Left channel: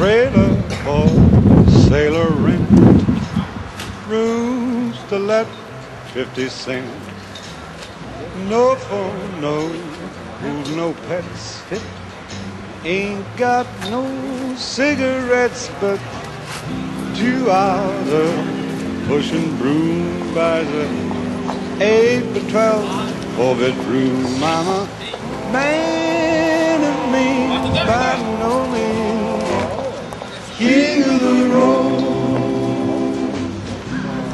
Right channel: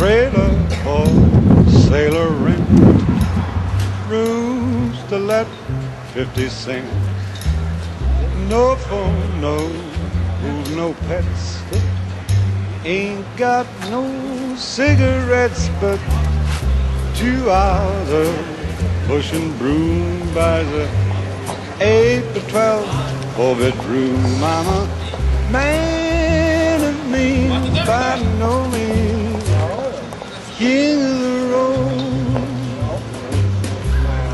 trailer for sailor rent, rooms to let 50 cents. No phone, no food, no pets. Ain't got no cigarettes, but 2 hours of pushing broom by the 8 to 12 4-bedroom. I'm a man of means by no means, king of the road.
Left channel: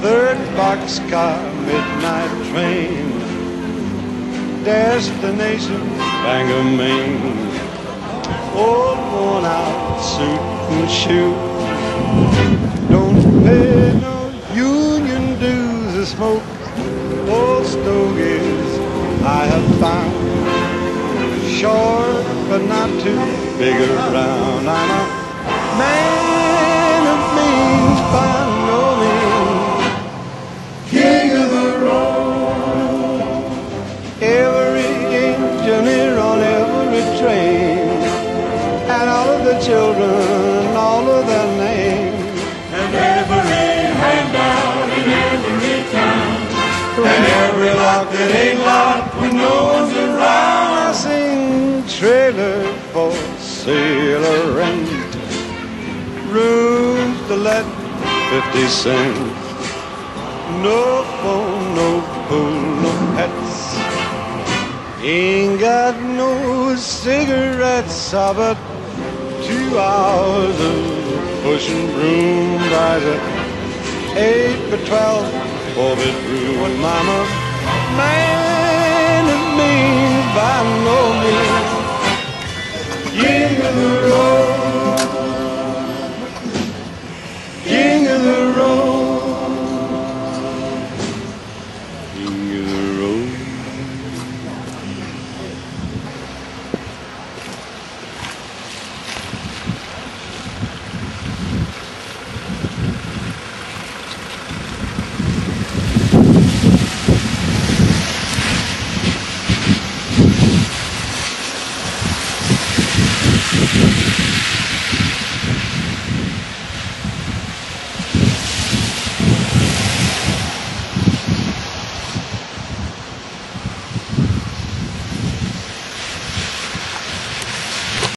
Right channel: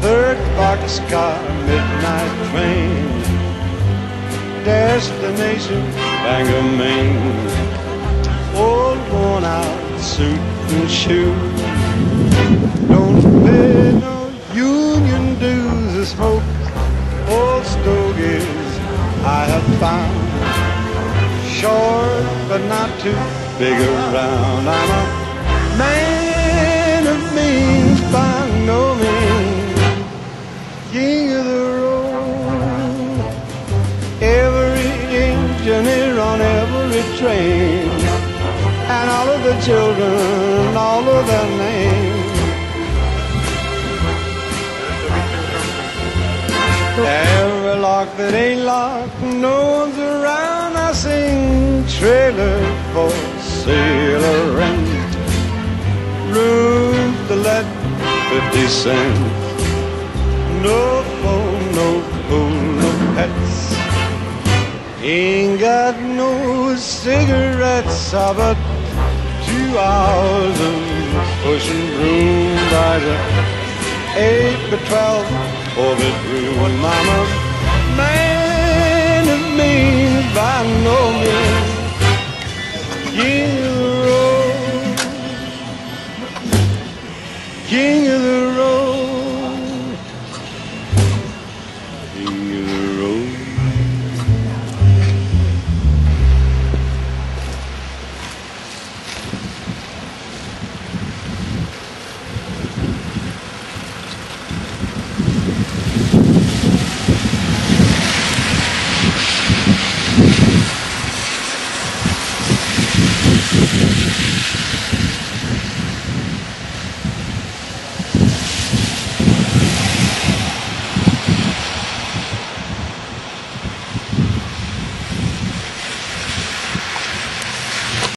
Third boxcar, midnight train, destination Bangor, Maine. Old worn out suit and shoes, don't pay no union dues or smoke old stogies I have found. Short but not too big around. I'm a man of means by no means, king of the road. Every engineer on every train, and all of the children, all of their names. Every lock that ain't locked, no one's around. I sing trailer for sailor rent, rooms to let 50 cents. No phone, no pool, no pets. Ain't got no cigarettes, but 2 hours of pushing broom by the 8 to 12 4-bedroom. I'm a man of means by no means, king of the road.